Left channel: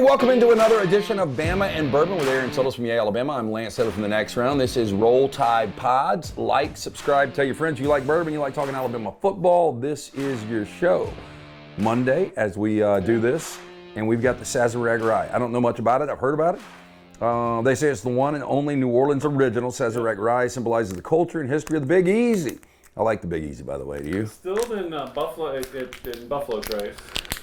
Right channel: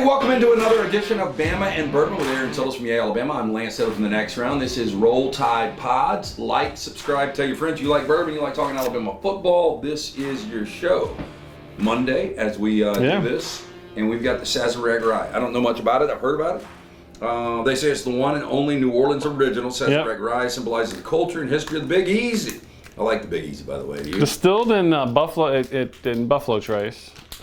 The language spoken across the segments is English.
Hey, welcome into another edition of Bama and Bourbon with Aaron Suttles from Alabama. I'm Lance Suttles from the Next Round. This is Roll Tide Pods. Like, subscribe, tell your friends you like bourbon, you like talking Alabama football. This is your show. Monday, as we do this, and we've got the Sazerac Rye. I don't know much about it. I've heard about it. They say it's the one and only New Orleans original. Sazerac Rye symbolizes the culture and history of the Big Easy. I like the Big Easy, by the way. Do you? Distilled in Buffalo, in Buffalo Trace.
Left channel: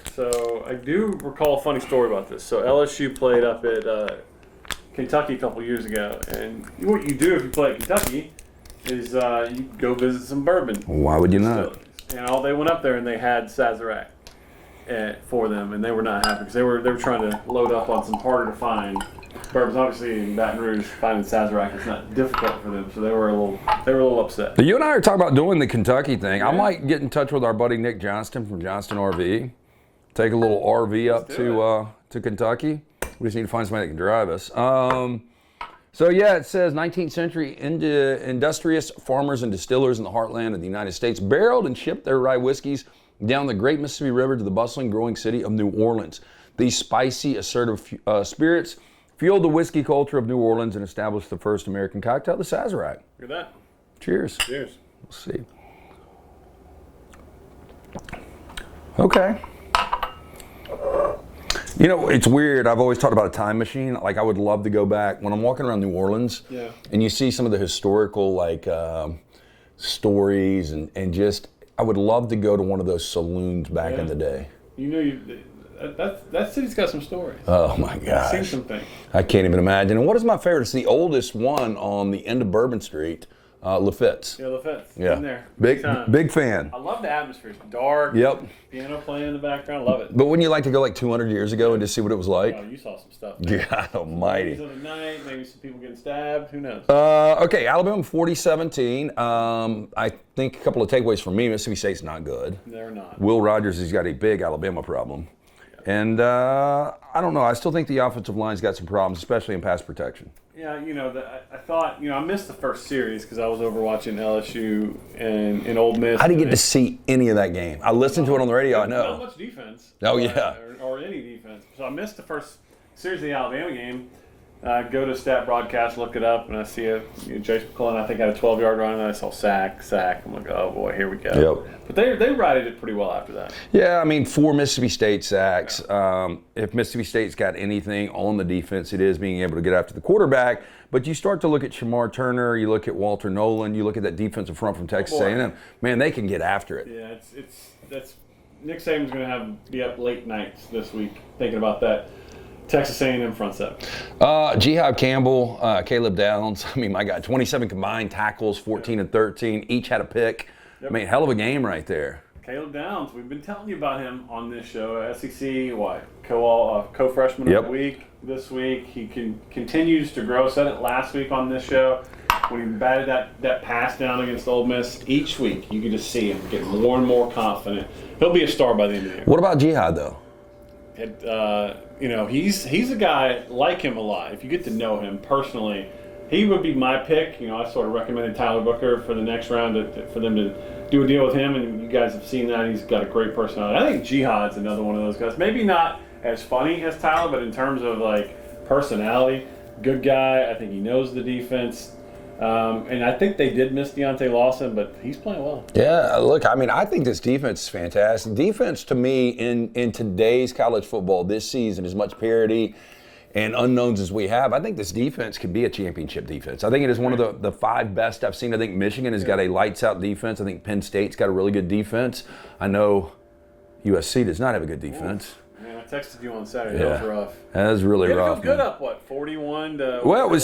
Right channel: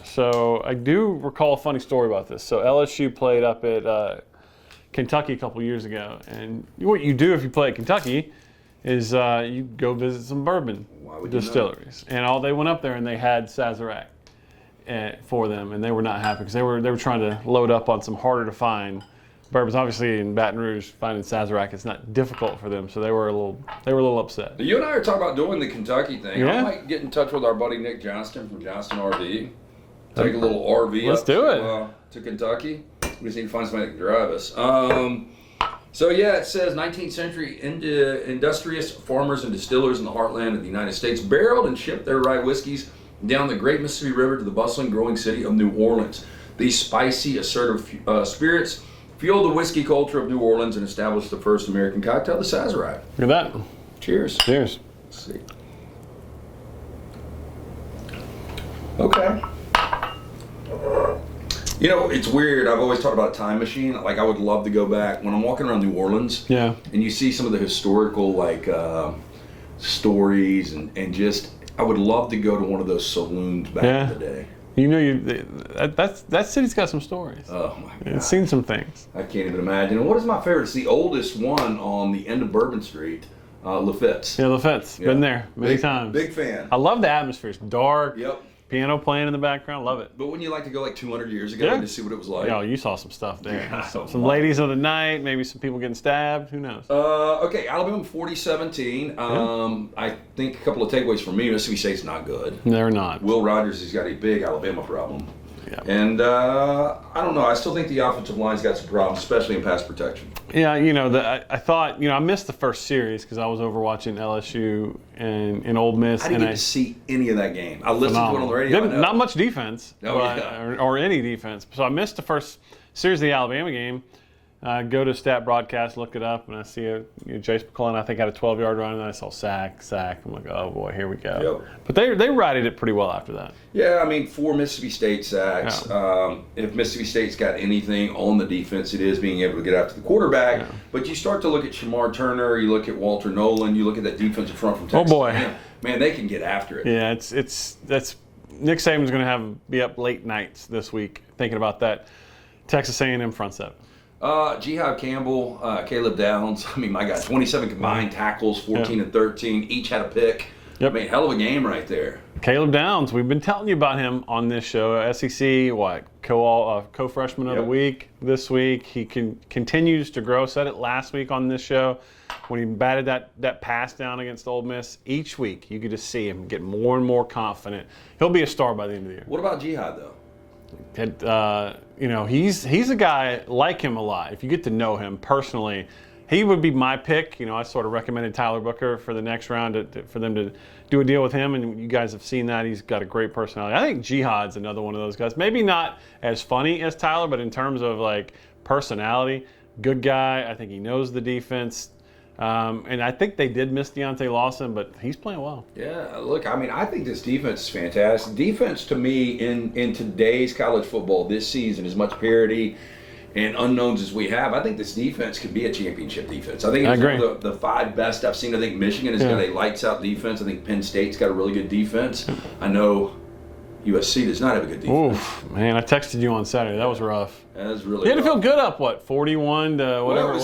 So I do recall a funny story about this. So LSU played up at Kentucky a couple years ago, and what you do if you play at Kentucky is you go visit some bourbon Why would you distilleries. And they went up there and they had Sazerac for them, and they were not happy because they were trying to load up on some harder to find bourbons. Obviously in Baton Rouge, finding Sazerac is not difficult for them, so they were a little upset. But you and I are talking about doing the Kentucky thing. Yeah. I might get in touch with our buddy Nick Johnston from Johnston RV. Take a little RV up to Kentucky. We just need to find somebody that can drive us. So yeah, it says 19th century industrious farmers and distillers in the heartland of the United States barreled and shipped their rye whiskeys down the great Mississippi River to the bustling, growing city of New Orleans. These spicy, assertive spirits fueled the whiskey culture of New Orleans and established the first American cocktail, the Sazerac. Look at that. Cheers. Cheers. Let's see. Okay. You know, it's weird. I've always talked about a time machine. Like, I would love to go back when I'm walking around New Orleans. Yeah. And you see some of the historical, stories and just, I would love to go to one of those saloons back in the day. You know, that city's got some stories. Oh my God. I've seen some things. I can't even imagine. And what is my favorite? It's the oldest one on the end of Bourbon Street, Lafitte's. Yeah, Lafitte's. Yeah. Been there many times. Big fan. I love the atmosphere. It's dark. Yep. Piano playing in the background. Love it. But wouldn't you like to go like 200 years ago and just see what it was like? Oh, you saw some stuff there. Yeah, some ladies of the night, maybe some people getting stabbed. Who knows? Okay, Alabama 40-17. I think a couple of takeaways from me. Mississippi State's not good. They're not. Will Rogers has got a big Alabama problem. Yeah. And I don't know. I still think the offensive line's got some problems, especially in pass protection. Yeah, you know, I thought, I missed the first series because I was over watching LSU and Ole Miss. I didn't get to see any of that game. I listened to it on the radio. Not much defense. Oh, yeah. Or any defense. So I missed the first series of the Alabama game. Go to stat broadcast, look it up, and I see Jason McClellan, I think, had a 12-yard run, and I saw sack. I'm like, oh boy, here we go. Yep. But they righted it pretty well after that. Yeah, I mean, 4 Mississippi State sacks. Yeah. If Mississippi State's got anything on the defense, it is being able to get after the quarterback. Yeah. But you start to look at Shamar Turner, you look at Walter Nolan, you look at that defensive front from Texas A&M. Man, they can get after it. Yeah, that's Nick Saban's going to be up late nights this week thinking about that. Texas A&M front set. Jihad Campbell, Caleb Downs. I mean, my God, 27 combined tackles, 14 and 13. Each had a pick. Yep. I mean, hell of a game right there. Caleb Downs, we've been telling you about him on this show. SEC, co-freshman of the week this week. He continues to grow. Said it last week on this show when he batted that pass down against Ole Miss. Each week, you could just see him get more and more confident. He'll be a star by the end of the year. What about Jihad, though? He's a guy, like him a lot. If you get to know him personally, he would be my pick. I sort of recommended Tyler Booker for the next round for them to do a deal with him, and you guys have seen that. He's got a great personality. I think Jihad's another one of those guys. Maybe not as funny as Tyler, but in terms of personality, good guy. I think he knows the defense. And I think they did miss Deontay Lawson, but he's playing well. Yeah, look, I mean, I think this defense is fantastic. Defense, to me, in today's college football this season, as much parity and unknowns as we have, I think this defense could be a championship defense. I think it's one of the 5 best I've seen. I think Michigan has got a lights-out defense. I think Penn State's got a really good defense. I know USC does not have a good defense. Oof, man, I texted you on Saturday. That was rough. That was really rough. You had to feel good up, 41 to Well, it was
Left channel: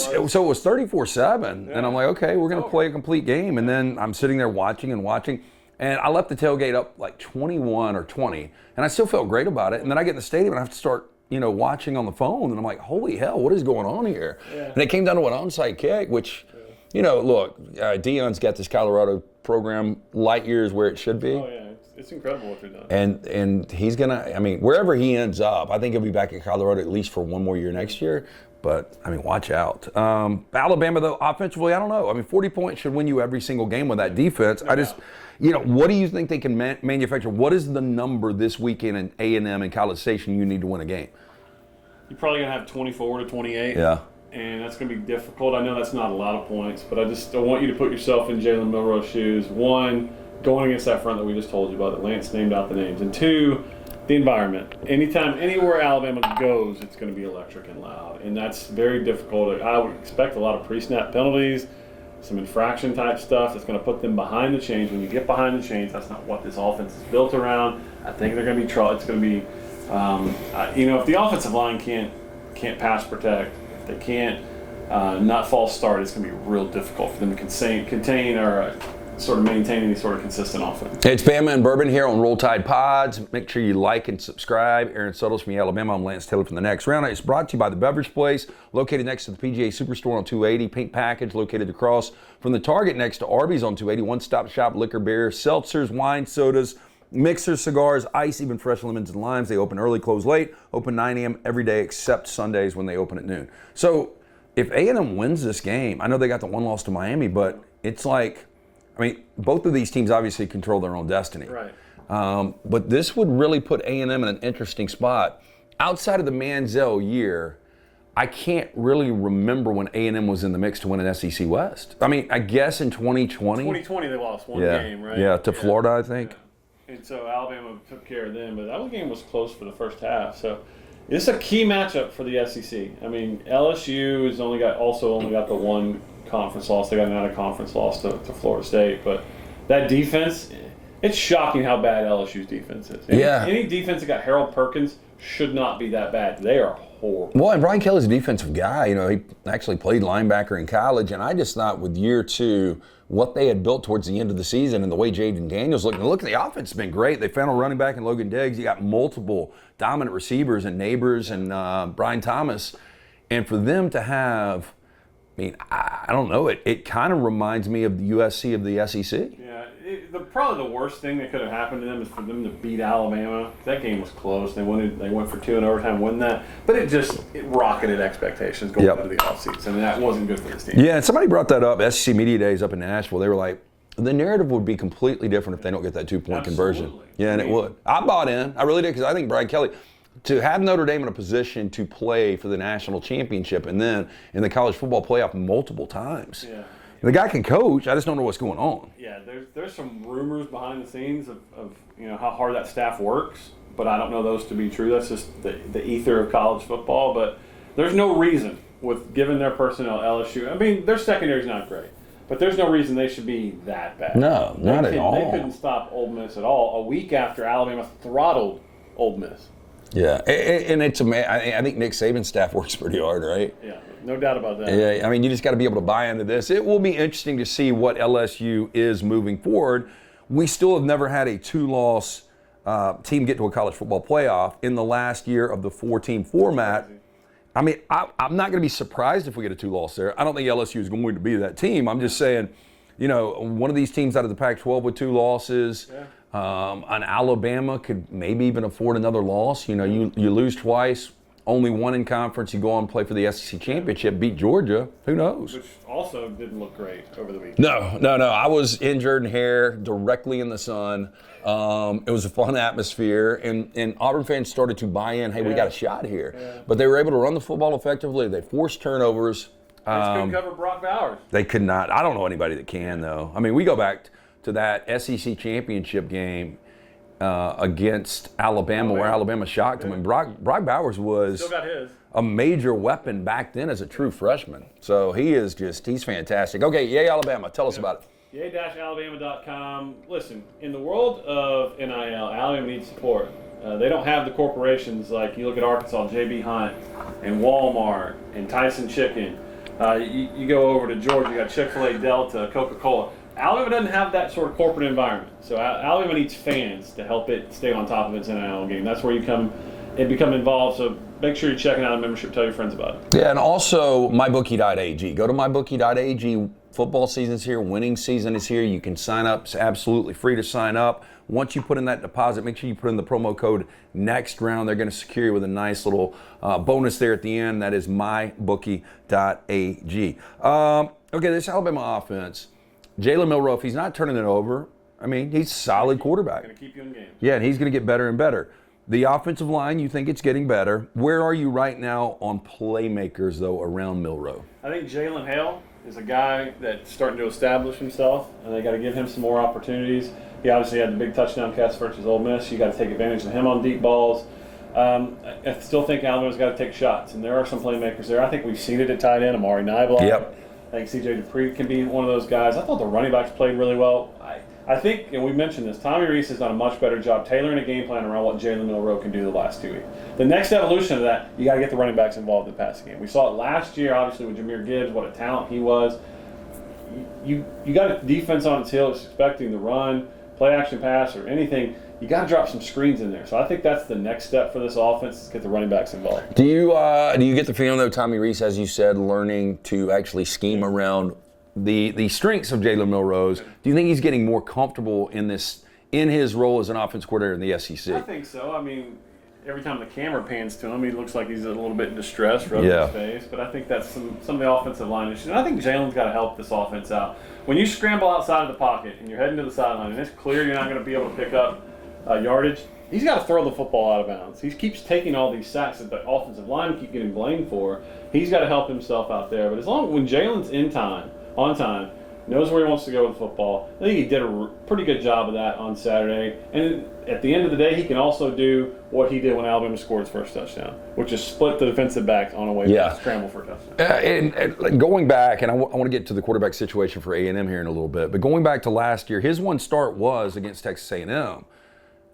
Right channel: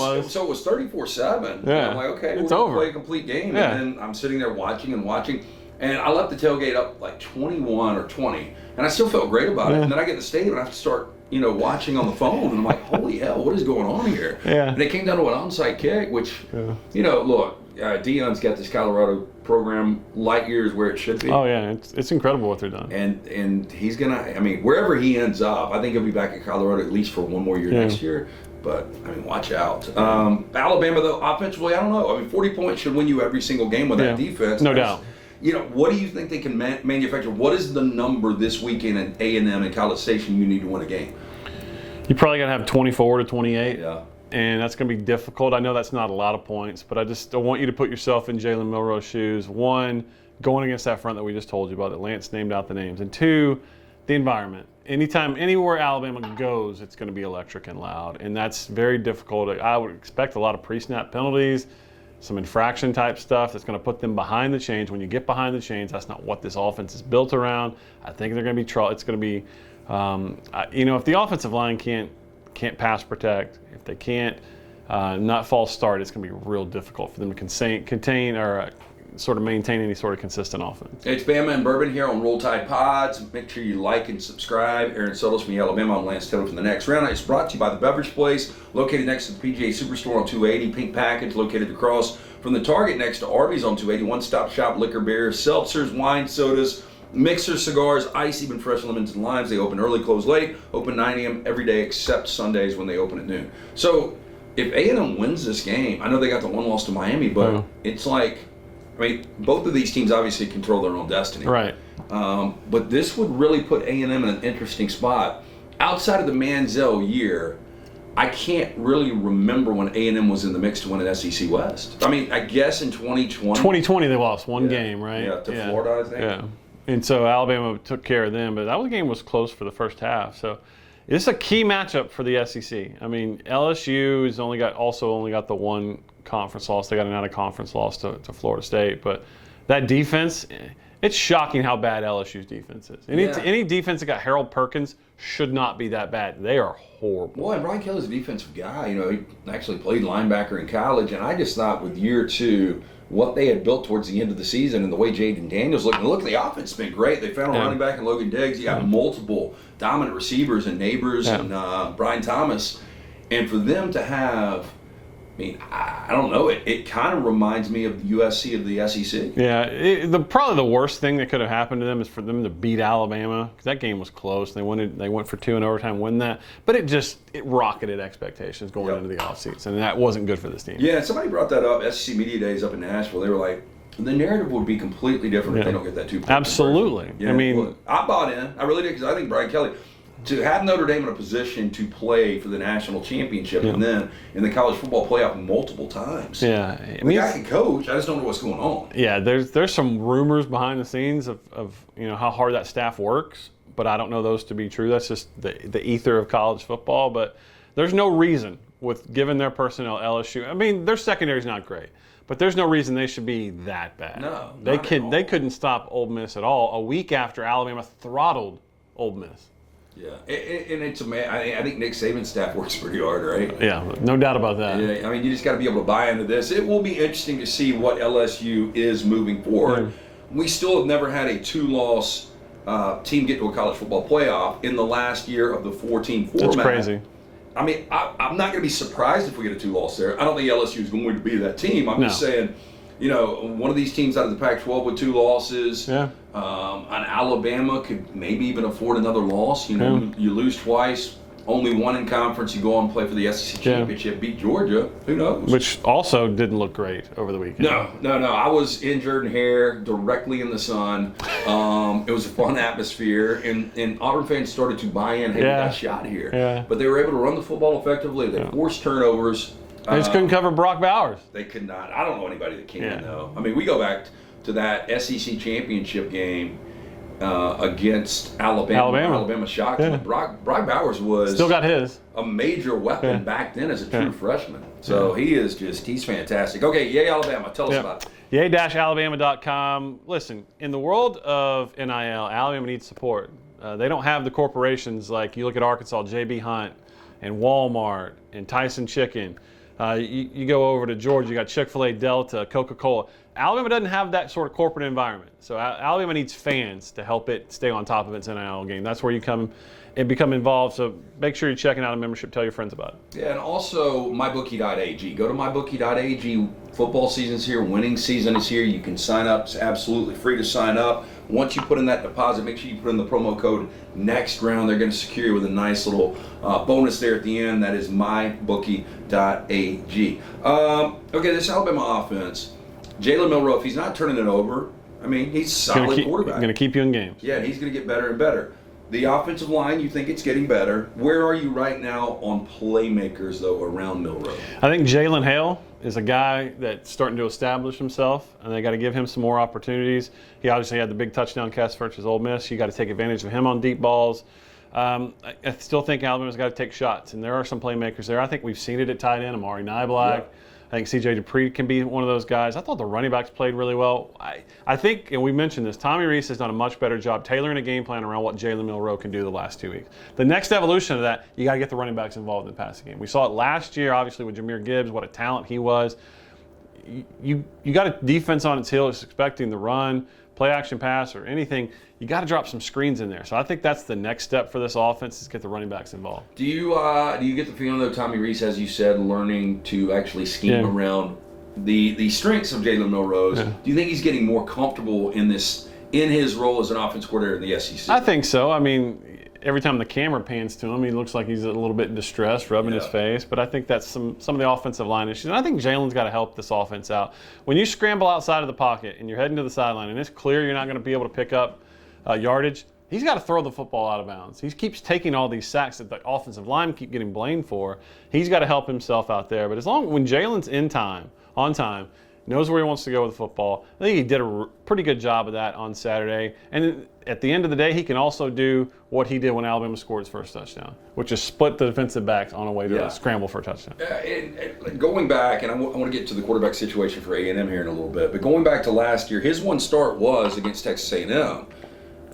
34-7. And I'm like, okay, we're going to play a complete game. And then I'm sitting there watching. And I left the tailgate up 21 or 20. And I still felt great about it. And then I get in the stadium and I have to start watching on the phone, and I'm like, holy hell, what is going on here? Yeah. And it came down to an onside kick, which, look, Deion's got this Colorado program light years where it should be. Oh, yeah, it's incredible what they're doing. And he's going to, I mean, wherever he ends up, I think he'll be back in Colorado at least for one more year next year. But, I mean, watch out. Alabama, though, offensively, I don't know. I mean, 40 points should win you every single game with that defense. No doubt. What do you think they can manufacture? What is the number this weekend in A&M and College Station you need to win a game? You're probably going to have 24 to 28. Yeah. And that's going to be difficult. I know that's not a lot of points, but I want you to put yourself in Jalen Milroe's shoes. One, going against that front that we just told you about, that Lance named out the names. And two, the environment. Anywhere Alabama goes, it's going to be electric and loud. And that's very difficult. I would expect a lot of pre-snap penalties, some infraction type stuff that's going to put them behind the chains. When you get behind the chains, that's not what this offense is built around. I think they're going to be trouble. It's going to be, if the offensive line can't pass protect, if they can't not false start, it's going to be real difficult for them to contain or sort of maintain any sort of consistent offense. It's Bama and Bourbon here on Roll Tide Pods. Make sure you like and subscribe. Aaron Suttles from Alabama. I'm Lance Taylor from The Next Round. It's brought to you by The Beverage Place, located next to the PGA Superstore on 280. Pink Package, located across from the Target next to Arby's on 280. One-stop shop, liquor, beers, seltzers, wine, sodas, mixers, cigars, ice, even fresh lemons and limes. They open early, close late. Open 9 a.m. every day except Sundays when they open at noon. So if A&M wins this game, I know they got the one loss to Miami, but it's like, both of these teams obviously control their own destiny. Right. But this would really put A&M in an interesting spot. Outside of the Manziel year, I can't really remember when A&M was in the mix to win an SEC West. I guess in 2020. 2020 they lost one game, right? Yeah, to Florida, I think. Yeah. And so Alabama took care of them, but that game was close for the first half. So it's a key matchup for the SEC. LSU has only got the one conference loss. They got another conference loss to Florida State. But that defense, it's shocking how bad LSU's defense is. Any defense that got Harold Perkins should not be that bad. They are horrible. Well, and Brian Kelly's a defensive guy. He actually played linebacker in college, and I just thought with year two, what they had built towards the end of the season and the way Jaden Daniels looked. And look, the offense has been great. They found a running back in Logan Diggs. You got multiple dominant receivers and Neighbors and Brian Thomas. And for them to have, I don't know, it kind of reminds me of the USC of the SEC. Yeah, probably the worst thing that could have happened to them is for them to beat Alabama. That game was close. They went for 2 in overtime, win that. But it rocketed expectations going into the offseason, and that wasn't good for this team. Yeah, and somebody brought that up, SEC Media Days up in Nashville. They were like, the narrative would be completely different if they don't get that 2-point Absolutely. conversion. Yeah, I bought in. I really did, because I think Brian Kelly, to have Notre Dame in a position to play for the national championship and then in the college football playoff multiple times. Yeah. The guy can coach. I just don't know what's going on. Yeah, there's some rumors behind the scenes of how hard that staff works, but I don't know those to be true. That's just the ether of college football. But there's no reason, given their personnel, LSU, their secondary is not great, but there's no reason they should be that bad. No, not at all. They couldn't stop Ole Miss at all. A week after Alabama throttled Ole Miss. Yeah, and it's I think Nick Saban's staff works pretty hard, right? Yeah, no doubt about that. Yeah, you just got to be able to buy into this. It will be interesting to see what LSU is moving forward. We still have never had a 2-loss team get to a college football playoff in the last year of the 4-team format. That's crazy. I'm not going to be surprised if we get a 2-loss there. I don't think LSU is going to be that team. I'm just saying, one of these teams out of the Pac-12 with 2 losses. Yeah. An Alabama could maybe even afford another loss. You lose twice, only one in conference. You go on and play for the SEC championship, beat Georgia. Who knows? Which also didn't look great over the weekend. No. I was in Jordan Hare, directly in the sun. It was a fun atmosphere, and Auburn fans started to buy in. Hey, we got shot here. Yeah. But they were able to run the football effectively. They forced turnovers. They just couldn't cover Brock Bowers. They could not. I don't know anybody that can, though. We go back to that SEC championship game against Alabama, where Alabama shocked them. And Brock Bowers was still got his a major weapon back then as a true freshman. So he's fantastic. Okay, yay Alabama. Tell us about it. Yay-alabama.com. Listen, in the world of NIL, Alabama needs support. They don't have the corporations like you look at Arkansas, J.B. Hunt, and Walmart, and Tyson Chicken. You go over to Georgia, you got Chick-fil-A, Delta, Coca-Cola. Alabama doesn't have that sort of corporate environment. So Alabama needs fans to help it stay on top of its NIL game. That's where you come and become involved. So make sure you're checking out a membership. Tell your friends about it. Yeah, and also mybookie.ag. Go to mybookie.ag. Football season's here. Winning season is here. You can sign up. It's absolutely free to sign up. Once you put in that deposit, make sure you put in the promo code next round. They're going to secure you with a nice little bonus there at the end. That is mybookie.ag. Okay, this Alabama offense, Jalen Milroe, if he's not turning it over, he's a solid quarterback. Going to keep you in games. Yeah, and he's going to get better and better. The offensive line, you think it's getting better. Where are you right now on playmakers, though, around Milroe? I think Jalen Hale is a guy that's starting to establish himself, and they got to give him some more opportunities. He obviously had the big touchdown catch versus Ole Miss. You got to take advantage of him on deep balls. I still think Alabama's got to take shots, and there are some playmakers there. I think we've seen it at tight end. Amari Niblack. Yep. I think C.J. Dupree can be one of those guys. I thought the running backs played really well. I think, and we mentioned this, Tommy Rees has done a much better job tailoring a game plan around what Jalen Milroe can do the last 2 weeks. The next evolution of that, you got to get the running backs involved in the passing game. We saw it last year, obviously, with Jahmyr Gibbs, what a talent he was. You got a defense on its heels expecting the run, play action pass, or anything. You got to drop some screens in there. So I think that's the next step for this offense is get the running backs involved. Do you get the feeling, though, Tommy Rees, as you said, learning to actually scheme around the strengths of Jalen Milroe's? Yeah. Do you think he's getting more comfortable in his role as an offense coordinator in the SEC? I think so. I mean, every time the camera pans to him, he looks like he's a little bit distressed, rubbing his face. But I think that's some of the offensive line issues. And I think Jalen's got to help this offense out. When you scramble outside of the pocket and you're heading to the sideline and it's clear you're not going to be able to pick up yardage, he's got to throw the football out of bounds. He keeps taking all these sacks that the offensive line keep getting blamed for. He's got to help himself out there. But when Jalen's on time, knows where he wants to go with the football, I think he did a pretty good job of that on Saturday. And at the end of the day, he can also do what he did when Alabama scored his first touchdown, which is split the defensive backs on a way to scramble for a touchdown. And going back, and I want to get to the quarterback situation for A&M here in a little bit, but going back to last year, his one start was against Texas A&M.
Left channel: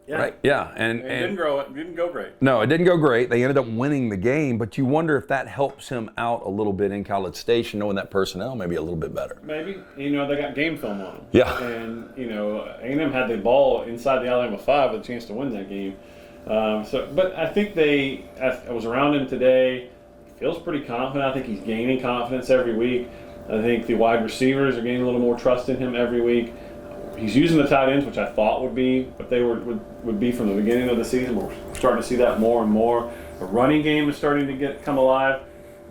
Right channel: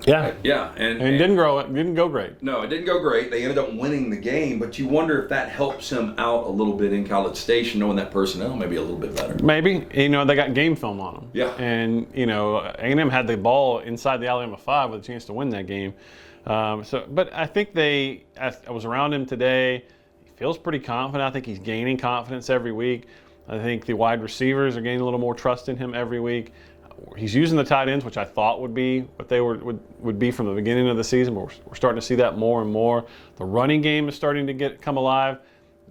Yeah, right? Yeah, and it didn't go great. No, it didn't go great. They ended up winning the game, but you wonder if that helps him out a little bit in College Station, knowing that personnel maybe a little bit better. Maybe. They got game film on him. Yeah. And A&M had the ball inside the Alabama 5 with a chance to win that game. But I think I was around him today. He feels pretty confident. I think he's gaining confidence every week. I think the wide receivers are gaining a little more trust in him every week. He's using the tight ends, which I thought would be, but they would be from the beginning of the season. We're starting to see that more and more. The running game is starting to come alive.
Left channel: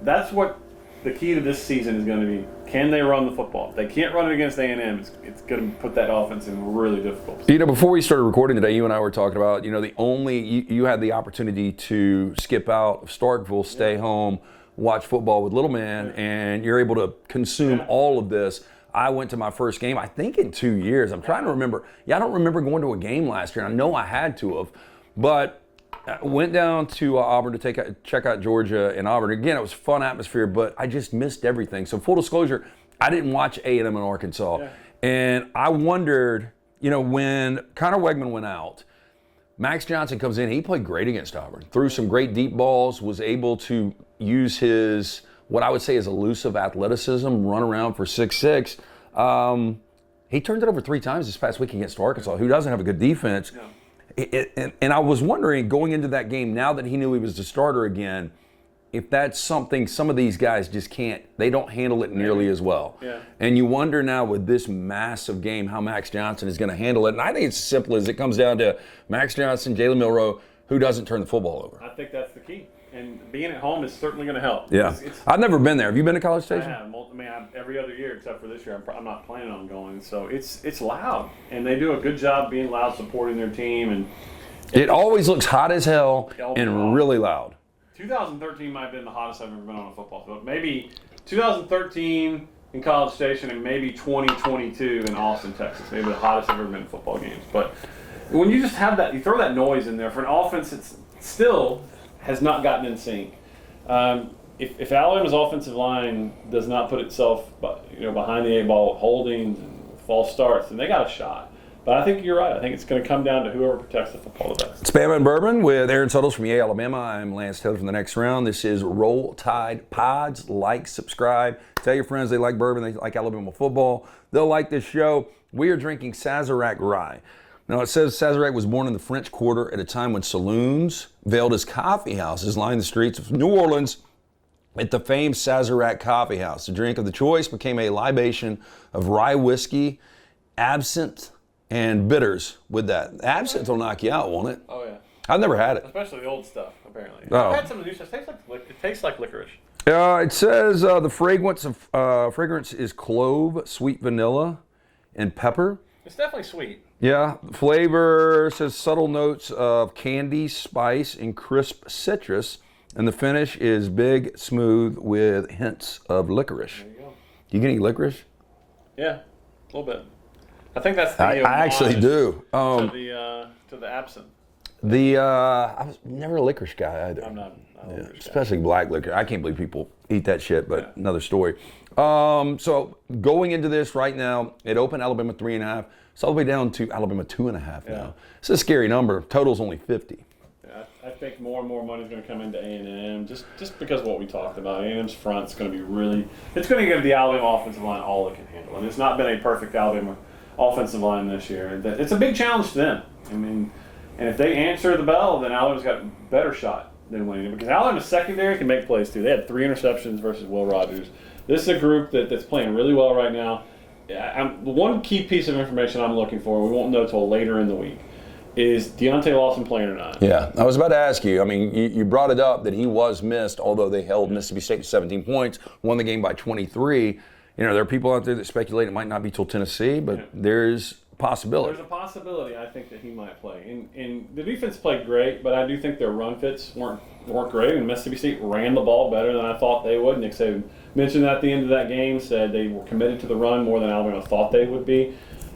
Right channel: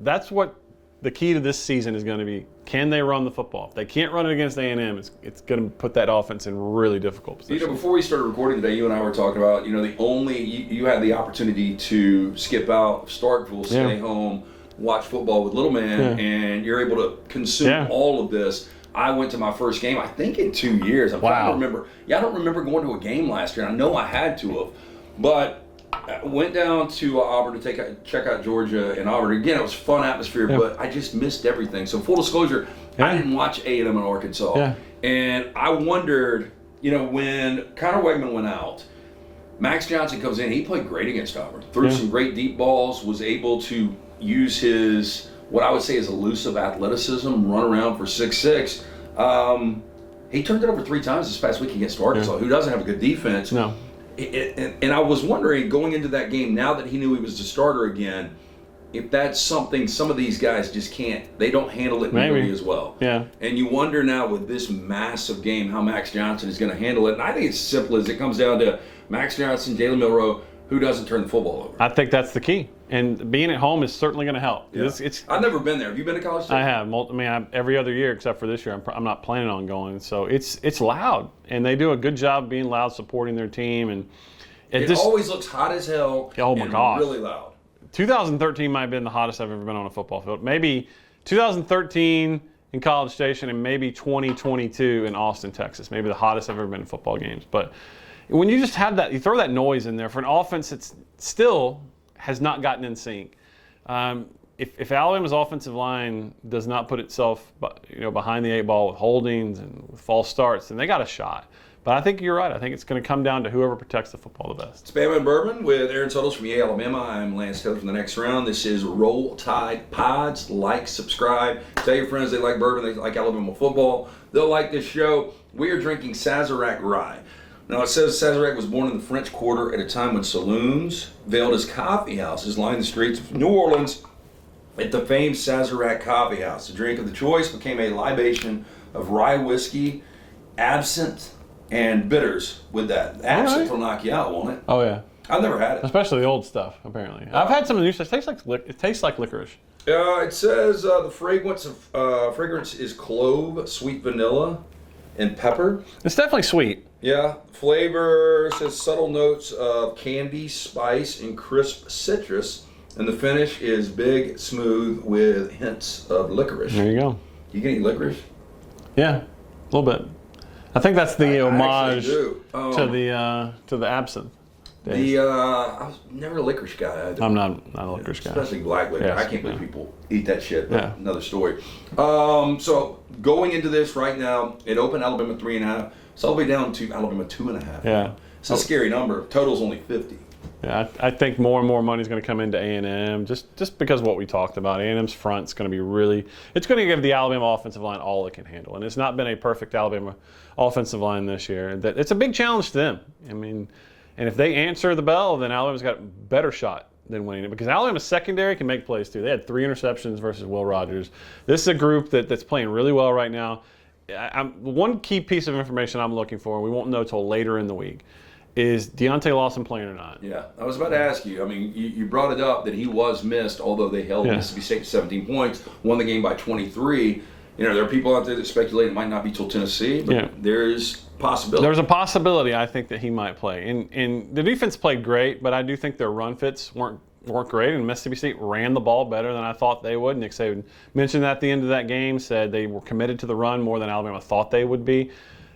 That's what the key to this season is going to be. Can they run the football? If they can't run it against A&M, it's going to put that offense in really difficult position. Before we started recording today, you and I were talking about, you had the opportunity to skip out of Starkville, stay home, watch football with little man, and you're able to consume all of this. I went to my first game, I think in 2 years. I'm trying to remember. I don't remember going to a game last year. I know I had to have. But I went down to Auburn to check out Georgia and Auburn. Again, it was a fun atmosphere, but I just missed everything. So full disclosure, I didn't watch A&M in Arkansas. Yeah. And I wondered, when Connor Wegman went out, Max Johnson comes in. He played great against Auburn. Threw some great deep balls, was able to use his what I would say is elusive athleticism, run around for 6'6". He turned it over 3 times this past week against Arkansas, who doesn't have a good defense. No. And I was wondering, going into that game, now that he knew he was the starter again, if that's something some of these guys just can't, they don't handle it nearly as well. Yeah. And you wonder now with this massive game how Max Johnson is going to handle it. And I think it's simple as it comes down to Max Johnson, Jalen Milroe, who doesn't turn the football over. I think that's the key. And being at home is certainly going to help. Yeah. I've never been there. Have you been to College Station? I have. Every other year except for this year. I'm not planning on going. So it's loud. And they do a good job being loud, supporting their team. And it always looks hot as hell and really loud. 2013 might have been the hottest I've ever been on a football field. Maybe 2013 in College Station and maybe 2022 in Austin, Texas. Maybe the hottest I've ever been in football games. But when you just have that, you throw that noise in there for an offense that's still has not gotten in sync. If Alabama's offensive line does not put itself behind the 8 ball with holdings and with false starts, then they got a shot. But I think you're right. I think it's going to come down to whoever protects the football the best. It's Bama Bourbon with Aaron Suttles from Yale, Alabama. I'm Lance Taylor from the next round. This is Roll Tide Pods. Like, subscribe. Tell your friends they like bourbon, they like Alabama football. They'll like this show. We are drinking Sazerac Rye. Now, it says Sazerac was born in the French Quarter at a time when saloons, veiled as coffee houses, lined the streets of New Orleans at the famed Sazerac Coffee House. The drink of the choice became a libation of rye whiskey, absinthe, and bitters with that. Absinthe will knock you out, won't it? Oh, yeah. I've never had it. Especially the old stuff, apparently. Oh. I've had some of the new stuff. It tastes like licorice. It says the fragrance is clove, sweet vanilla, and pepper. It's definitely sweet. Yeah, flavor says subtle notes of candy, spice, and crisp citrus. And the finish is big, smooth, with hints of licorice. There you go. You get any licorice? Yeah, a little bit. I think that's the I actually do. To the absinthe. I was never a licorice guy either. I'm not a licorice guy. Especially black licorice. Yes. I can't believe people eat that shit, but Yeah. another story. So going into this right now, it opened Alabama 3.5. It's all the way down to Alabama 2.5. Yeah. It's a scary number. Total's only 50. Yeah, I think more and more money is going to come into A&M just because of what we talked about. A&M's front's going to be it's going to give the Alabama offensive line all it can handle. And it's not been a perfect Alabama offensive line this year. And it's a big challenge to them. I mean, and if they answer the bell, then Alabama's got a better shot than winning it. Because Alabama's secondary can make plays too. They had 3 interceptions versus Will Rogers. This is a group that's playing really well right now. One key piece of information I'm looking for, we won't know till later in the week, is Deontay Lawson playing or not? Yeah, I was about to ask you. I mean, you brought it up that he was missed, although they held Mississippi State to 17 points, won the game by 23. You know, there are people out there that speculate it might not be till Tennessee, but there's possibility. There's a possibility, I think, that he might play. And the defense played great, but I do think their run fits weren't great, and Mississippi State ran the ball better than I thought they would. Nick Saban mentioned at the end of that game, said they were committed to the run more than Alabama thought they would be.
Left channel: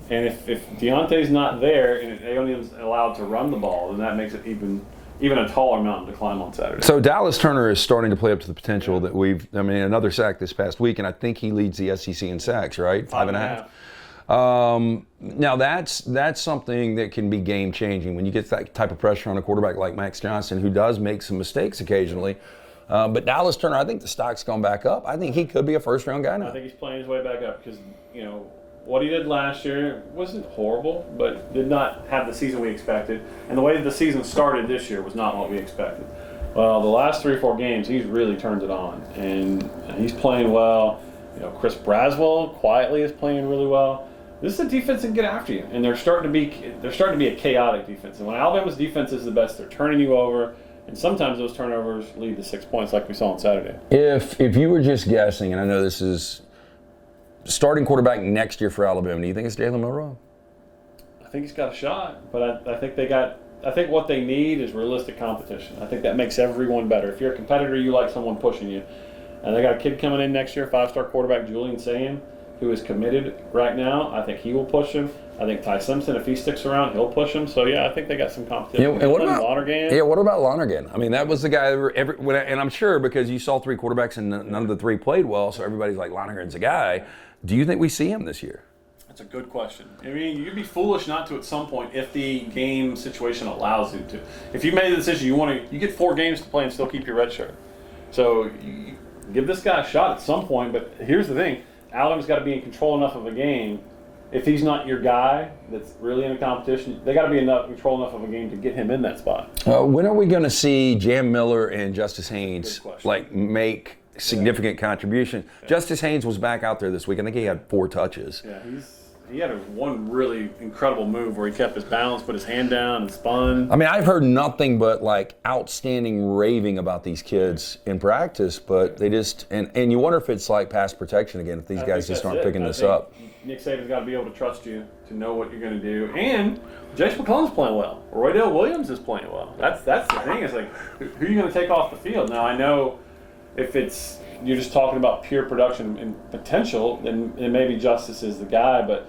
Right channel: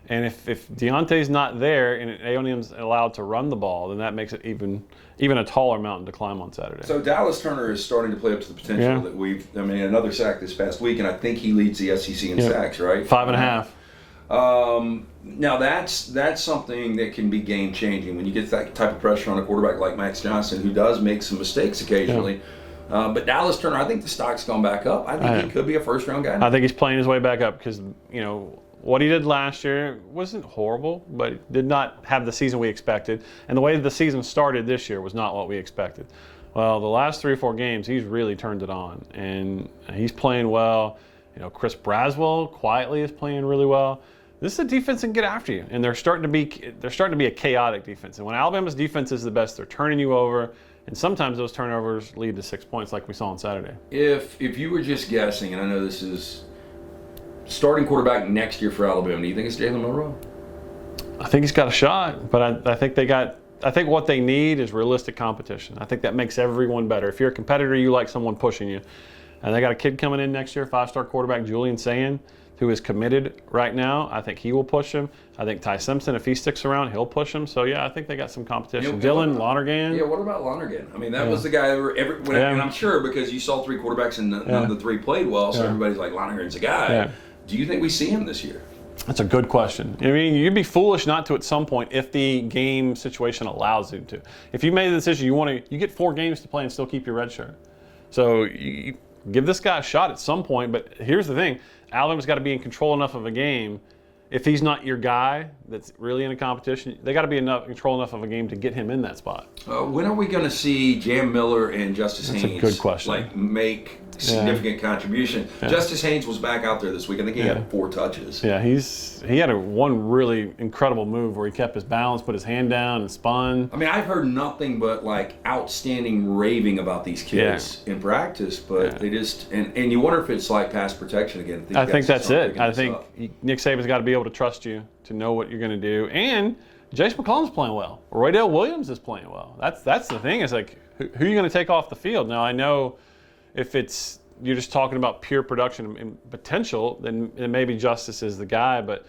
And if Deontay's not there and A&M's allowed to run the ball, then that makes it even a taller mountain to climb on Saturday. So Dallas Turner is starting to play up to the potential that another sack this past week, and I think he leads the SEC in sacks, right? 5.5. Now that's something that can be game changing when you get that type of pressure on a quarterback like Max Johnson, who does make some mistakes occasionally. But Dallas Turner, I think the stock's gone back up. I think he could be a first round guy now. I think he's playing his way back up because what he did last year wasn't horrible, but did not have the season we expected. And the way the season started this year was not what we expected. Well, the last 3 or 4 games, he's really turned it on, and he's playing well. Chris Braswell quietly is playing really well. This is a defense that can get after you, and they're starting to be a chaotic defense. And when Alabama's defense is the best, they're turning you over, and sometimes those turnovers lead to 6 points, like we saw on Saturday. If you were just guessing, and I know this is starting quarterback next year for Alabama, do you think it's Jalen Milroe? I think he's got a shot, but I think what they need is realistic competition. I think that makes everyone better. If you're a competitor, you like someone pushing you. And they got a kid coming in next year, 5-star quarterback Julian Sayin, who is committed right now. I think he will push him. I think Ty Simpson, if he sticks around, he'll push him. So, I think they got some competition. Dylan Lonergan. Yeah, what about Lonergan? I mean, that was the guy, and I'm sure because you saw 3 quarterbacks and none of the 3 played well, so everybody's like, Lonergan's the guy. Yeah. Do you think we see him this year? That's a good question. I mean, you'd be foolish not to at some point if the game situation allows you to. If you made the decision, you get 4 games to play and still keep your red shirt. So you give this guy a shot at some point, but here's the thing. Alabama's got to be in control enough of a game. If he's not your guy that's really in a competition, they got to be in control enough of a game to get him in that spot. When are we going to see Jam Miller and Justice Haynes good question. Make significant contribution? Justice Haynes was back out there this week. I think he had 4 touches. Yeah, he had one really incredible move where he kept his balance, put his hand down, and spun. I mean, I've heard nothing but outstanding raving about these kids in practice, but they just and you wonder if it's like pass protection again. If these guys just aren't picking this up. Nick Saban's got to be able to trust you to know what you're going to do, and Jace McClellan's playing well. Roydell Williams is playing well. That's the thing. Is who are you going to take off the field? Now I know if you're just talking about pure production and potential, then maybe Justice is the guy. But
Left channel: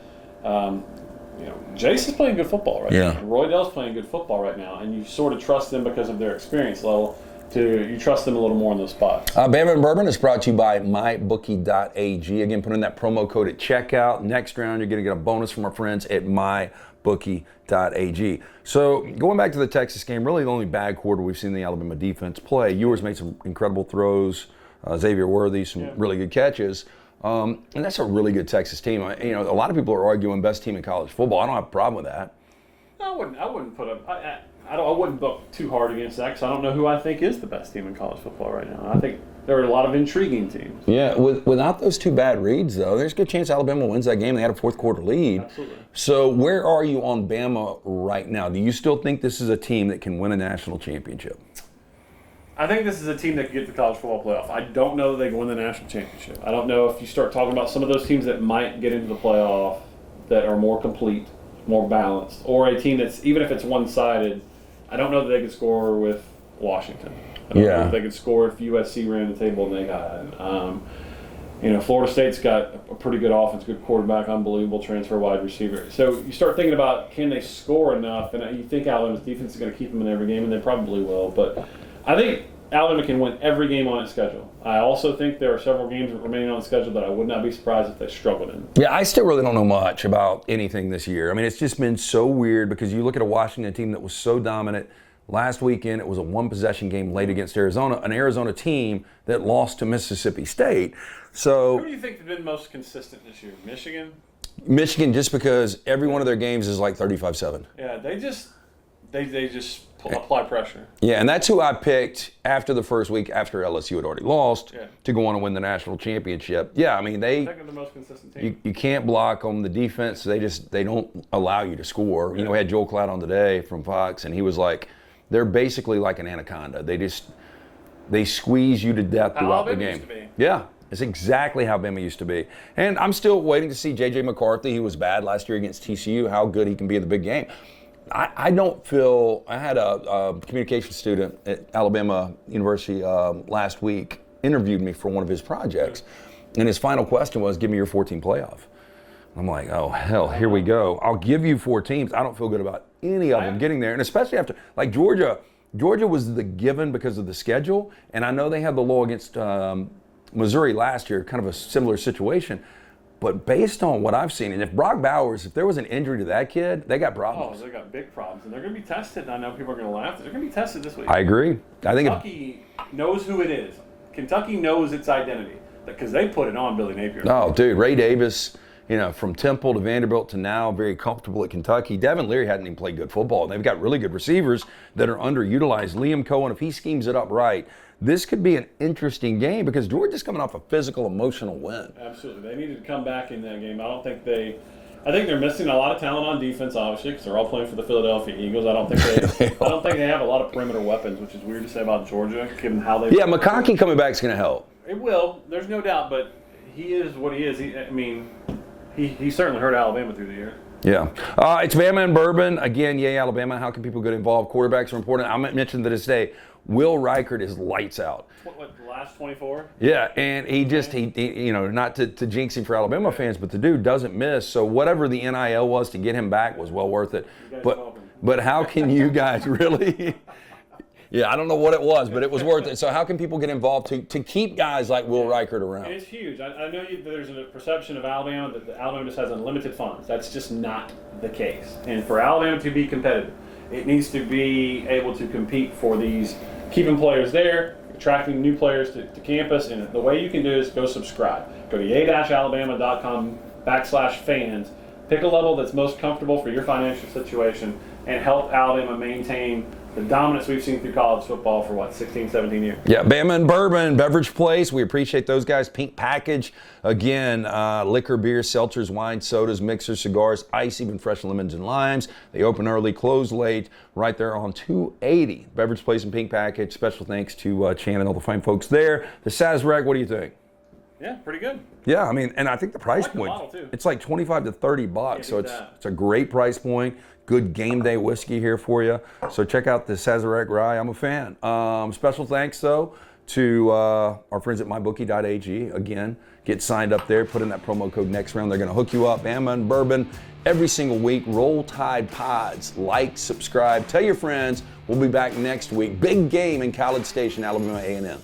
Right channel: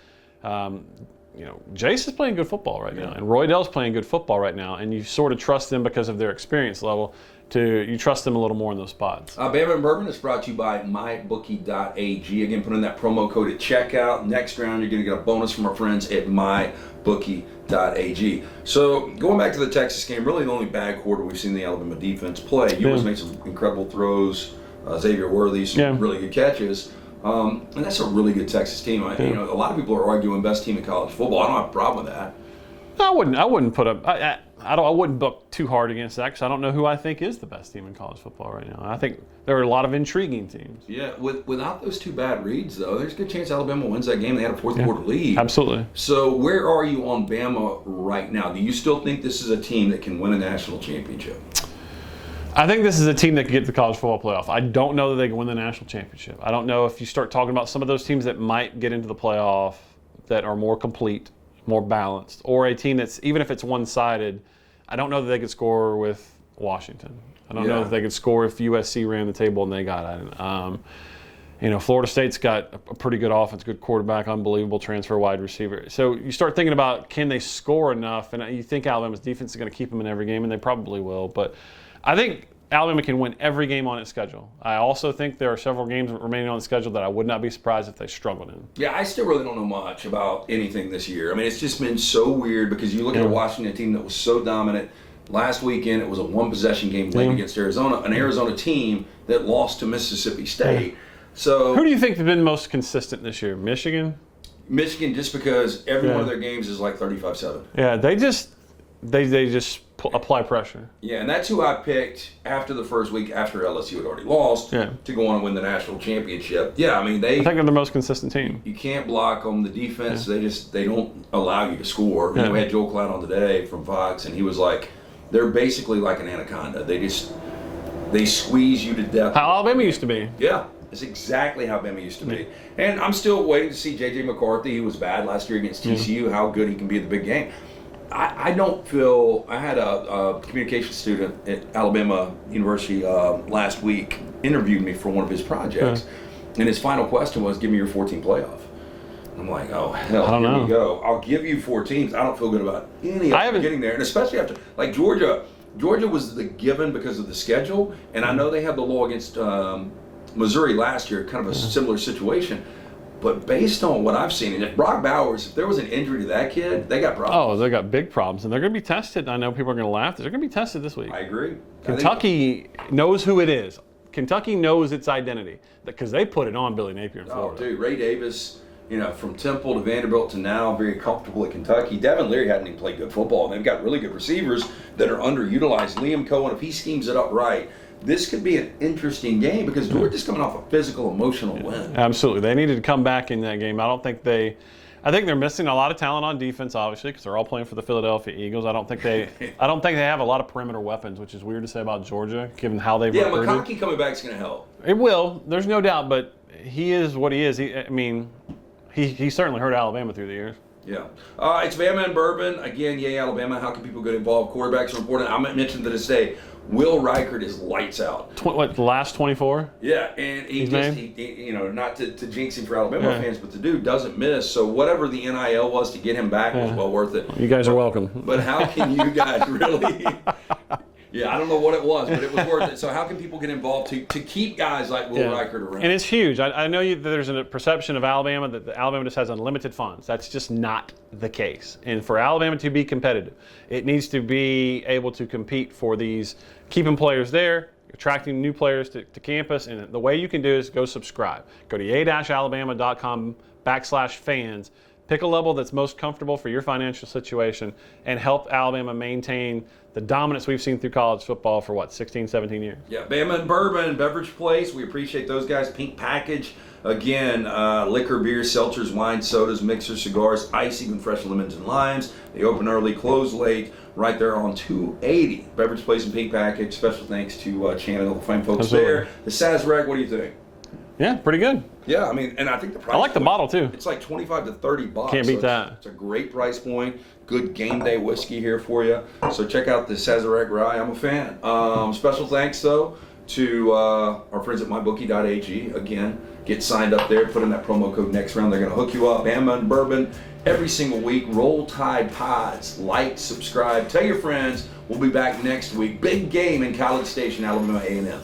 Jace is playing good football right now, and Roydell's playing good football right now, and you sort of trust them because of their experience level. You trust them a little more in those spots. Bama Bourbon is brought to you by mybookie.ag. Again, put in that promo code at checkout. Next round, you're going to get a bonus from our friends at mybookie.ag. So going back to the Texas game, really the only bad quarter we've seen the Alabama defense play. Ewers made some incredible throws. Xavier Worthy, some really good catches. And that's a really good Texas team. A lot of people are arguing best team in college football. I don't have a problem with that. I wouldn't put up. I wouldn't book too hard against that because I don't know who I think is the best team in college football right now. I think there are a lot of intriguing teams. Yeah, without those 2 bad reads, though, there's a good chance Alabama wins that game. They had a 4th quarter lead. Absolutely. So where are you on Bama right now? Do you still think this is a team that can win a national championship? I think this is a team that can get to the college football playoff. I don't know that they can win the national championship. I don't know if you start talking about some of those teams that might get into the playoff. that are more complete, more balanced, or a team that's, even if it's one-sided, I don't know that they could score with Washington. I don't know if they could score if USC ran the table and they got it. Florida State's got a pretty good offense, good quarterback, unbelievable transfer wide receiver. So you start thinking about, can they score enough? And you think Alabama's defense is going to keep them in every game, and they probably will. But I think Alabama can win every game on its schedule. I also think there are several games remaining on the schedule that I would not be surprised if they struggled in. Yeah, I still really don't know much about anything this year. I mean, it's just been so weird because you look at a Washington team that was so dominant. Last weekend, it was a one-possession game late against Arizona, an Arizona team that lost to Mississippi State. So, who do you think has been most consistent this year? Michigan? Michigan, just because every one of their games is like 35-7. Yeah, they just apply pressure. Yeah, and that's who I picked after the first week, after LSU had already lost, to go on and win the national championship. Yeah, I mean, I think they're the most consistent team. You can't block them. The defense, they don't allow you to score. We had Joel Klatt on today from Fox, and he was like, they're basically like an anaconda. They squeeze you to death. How Alabama used to be. Yeah. It's exactly how Bama used to be. And I'm still waiting to see J.J. McCarthy. He was bad last year against TCU, how good he can be at the big game. I don't feel – I had a communication student at Alabama University last week interviewed me for one of his projects. And his final question was, give me your 14 playoff. I'm like, oh, hell, here we go. I'll give you 4 teams. I don't feel good about any of them getting there. And especially after – like Georgia was the given because of the schedule. And I know they had the low against Missouri last year, kind of a similar situation. But based on what I've seen, and if Brock Bowers, if there was an injury to that kid, they got problems. Oh, they got big problems. And they're going to be tested. I know people are going to laugh. They're going to be tested this week. I agree. Kentucky knows who it is. Kentucky knows its identity because they put it on Billy Napier. Oh, dude, Ray Davis, from Temple to Vanderbilt to now very comfortable at Kentucky. Devin Leary hadn't even played good football. They've got really good receivers that are underutilized. Liam Cohen, if he schemes it up right, this could be an interesting game because Georgia's coming off a physical, emotional win. Absolutely. They needed to come back in that game. I think they're missing a lot of talent on defense, obviously, because they're all playing for the Philadelphia Eagles. I don't think they have a lot of perimeter weapons, which is weird to say about Georgia, given how they. Yeah, McConkey coming back is going to help. It will. There's no doubt, but he is what he is. He certainly hurt Alabama through the years. Yeah. It's Bama and Bourbon. Again, yay, Alabama. How can people get involved? Quarterbacks are important. I mentioned that today. Will Reichert is lights out. The last 24? Yeah, and he not to jinx him for Alabama fans, but the dude doesn't miss. So whatever the NIL was to get him back was well worth it. You guys are welcome. But how can you guys really? Yeah, I don't know what it was, but it was worth it. So how can people get involved to keep guys like Will Reichert around? And it's huge. I know that there's a perception of Alabama that Alabama just has unlimited funds. That's just not the case. And for Alabama to be competitive, it needs to be able to compete for these, keeping players there, attracting new players to campus. And the way you can do is go subscribe. Go to a-alabama.com/fans. Pick a level that's most comfortable for your financial situation and help Alabama maintain the dominance we've seen through college football for 16, 17 years. Yeah, Bama and Bourbon, Beverage Place. We appreciate those guys. Pink Package. Again, liquor, beer, seltzers, wine, sodas, mixers, cigars, ice, even fresh lemons and limes. They open early, close late, right there on 280. Beverage Place and Pink Package. Special thanks to Chan and all the fine folks there. The Sazerac, what do you think? Yeah, pretty good. Yeah, and I think the price I like the model, too. It's like $25 to $30. Can't beat that. It's a great price point. Good game day whiskey here for you. So check out the Sazerac Rye. I'm a fan. Special thanks, though, to our friends at mybookie.ag. Again, get signed up there. Put in that promo code next round. They're going to hook you up. Bama and Bourbon every single week. Roll Tide Pods. Like, subscribe. Tell your friends. We'll be back next week. Big game in College Station, Alabama A&M.